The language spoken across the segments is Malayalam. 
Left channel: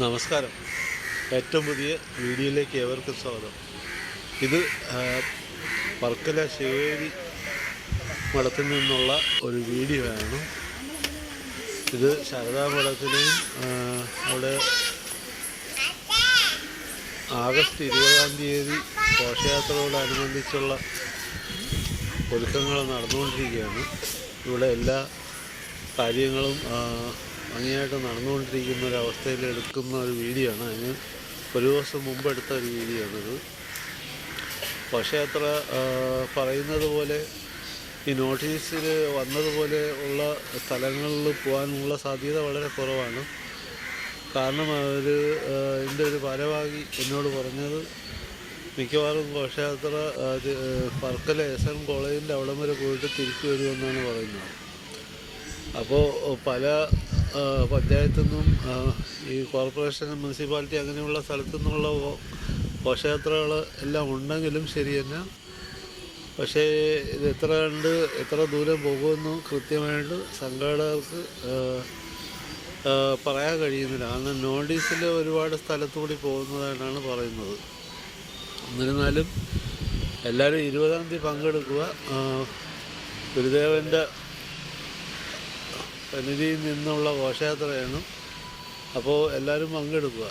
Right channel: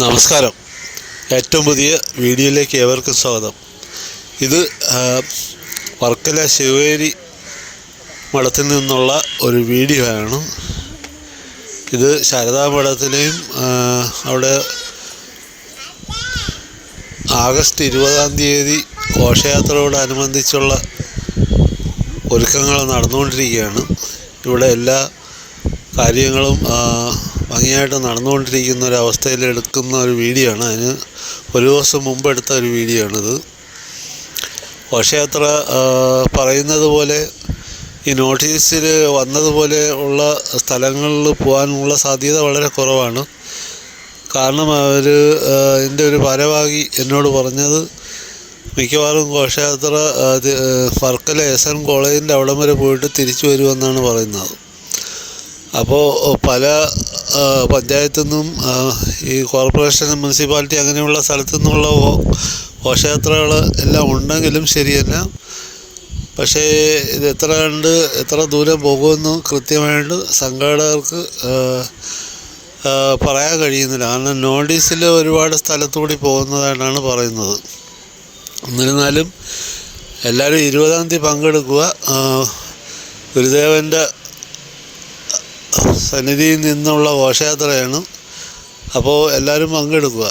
നമസ്കാരം. ഏറ്റവും പുതിയ വീഡിയോയിലേക്ക് ഏവർക്കും സ്വാഗതം. ഇത് വർക്കല ശിവേരി മഠത്തിൽ നിന്നുള്ള ഒരു വീഡിയോ ആണ്. ഇത് ശാരദാ മഠത്തിലെയും അവിടെ ആഗസ്റ്റ് 20 ഘോഷയാത്രയോടനുബന്ധിച്ചുള്ള ഒരുക്കങ്ങൾ നടന്നുകൊണ്ടിരിക്കുകയാണ്. ഇവിടെ എല്ലാ കാര്യങ്ങളും ഭംഗിയായിട്ട് നടന്നുകൊണ്ടിരിക്കുന്ന ഒരവസ്ഥയിൽ എടുക്കുന്ന ഒരു വീഡിയോ ആണ്. അതിന് ഒരു ദിവസം മുമ്പ് എടുത്ത ഒരു വീഡിയോ ആണിത്. ഘോഷയാത്ര പറയുന്നത് പോലെ ഈ നോട്ടീസിൽ വന്നതുപോലെ ഉള്ള സ്ഥലങ്ങളിൽ പോകാനുള്ള സാധ്യത വളരെ കുറവാണ്. കാരണം അവർ ഇതിൻ്റെ ഒരു ഭാരവാഹി എന്നോട് പറഞ്ഞത് മിക്കവാറും ഘോഷയാത്ര വർക്കല SN കോളേജിൻ്റെ അവിടം വരെ പോയിട്ട് തിരിച്ചു വരുമെന്നാണ് പറയുന്നത്. അപ്പോൾ പല പഞ്ചായത്തു നിന്നും ഈ കോർപ്പറേഷൻ, മുനിസിപ്പാലിറ്റി അങ്ങനെയുള്ള സ്ഥലത്തു നിന്നുള്ള ഘോഷയാത്രകൾ എല്ലാം ഉണ്ടെങ്കിലും ശരിയല്ല. പക്ഷേ ഇത് എത്ര ദൂരം പോകുമെന്ന് കൃത്യമായിട്ട് സംഘാടകർക്ക് പറയാൻ കഴിയുന്നില്ല. കാരണം നോട്ടീസിൽ ഒരുപാട് സ്ഥലത്തുകൂടി പോകുന്നതായിട്ടാണ് പറയുന്നത്. എന്നിരുന്നാലും എല്ലാവരും 20 പങ്കെടുക്കുക. ഗുരുദേവൻ്റെ സന്നിധിയിൽ നിന്നുള്ള ഘോഷയാത്രയാണ്. അപ്പോൾ എല്ലാവരും പങ്കെടുക്കുക.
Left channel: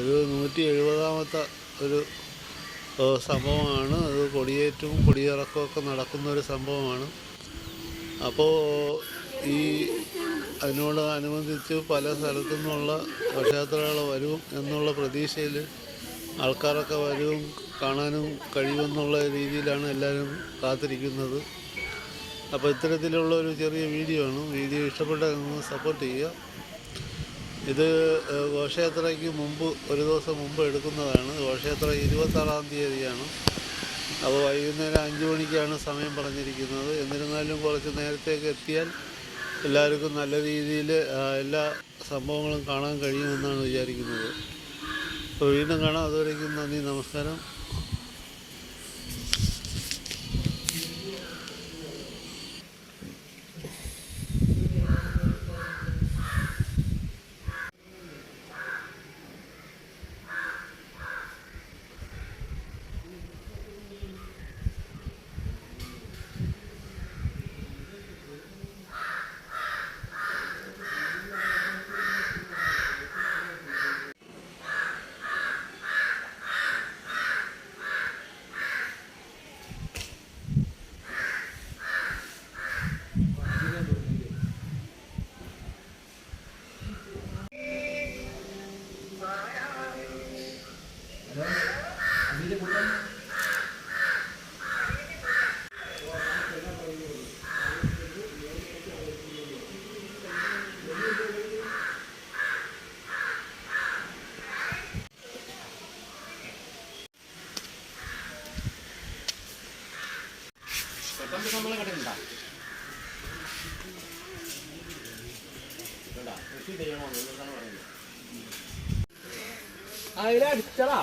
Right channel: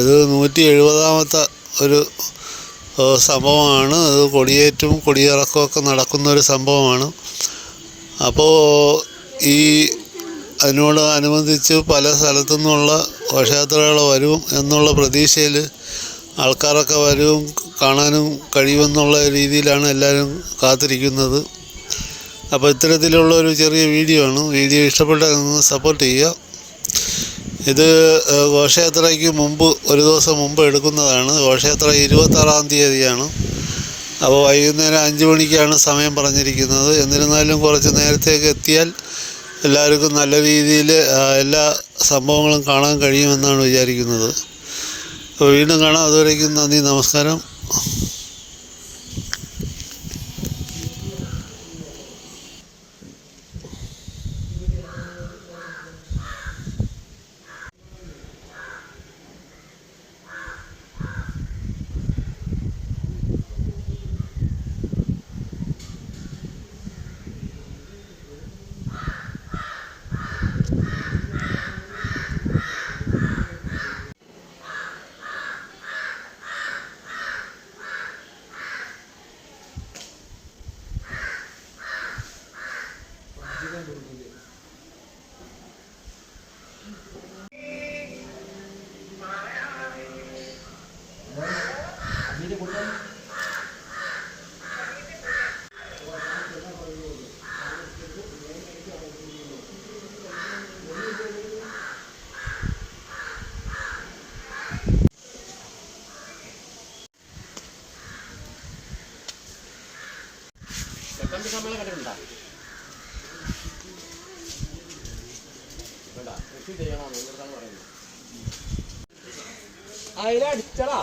ഇത് 170ാമത്തെ ഒരു സംഭവമാണ്. അത് കൊടിയേറ്റും കൊടിയിറക്കമൊക്കെ നടക്കുന്നൊരു സംഭവമാണ്. അപ്പോൾ അതിനോട് അനുബന്ധിച്ച് പല സ്ഥലത്തു നിന്നുള്ള ഘോഷയാത്രകൾ വരും എന്നുള്ള പ്രതീക്ഷയിൽ ആൾക്കാരൊക്കെ വരും, കാണാനും കഴിയുമെന്നുള്ള രീതിയിലാണ് എല്ലാവരും കാത്തിരിക്കുന്നത്. അപ്പോൾ ഇത്തരത്തിലുള്ള ഒരു ചെറിയ വീഡിയോ ആണ്. വീഡിയോ ഇഷ്ടപ്പെട്ടാൽ നിങ്ങൾ സപ്പോർട്ട് ചെയ്യുക. ഇത് ഘോഷയാത്രയ്ക്ക് മുമ്പ് ഒരു ദിവസം മുമ്പ് എടുക്കുന്നതാണ്. ഘോഷയാത്ര 26 അപ്പോൾ വൈകുന്നേരം 5 മണിക്കാണ് സമയം പറഞ്ഞിരിക്കുന്നത്. എന്നിരുന്നാലും കുറച്ച് നേരത്തേക്ക് എത്തിയാൽ എല്ലാവർക്കും നല്ല രീതിയിൽ എല്ലാ സംഭവങ്ങളും കാണാൻ കഴിയുമെന്നാണ് വിചാരിക്കുന്നത്. അപ്പോൾ വീണ്ടും കാണാം. അതുവരേക്കും നന്ദി, നമസ്കാരം. അതിലടിച്ചടാ.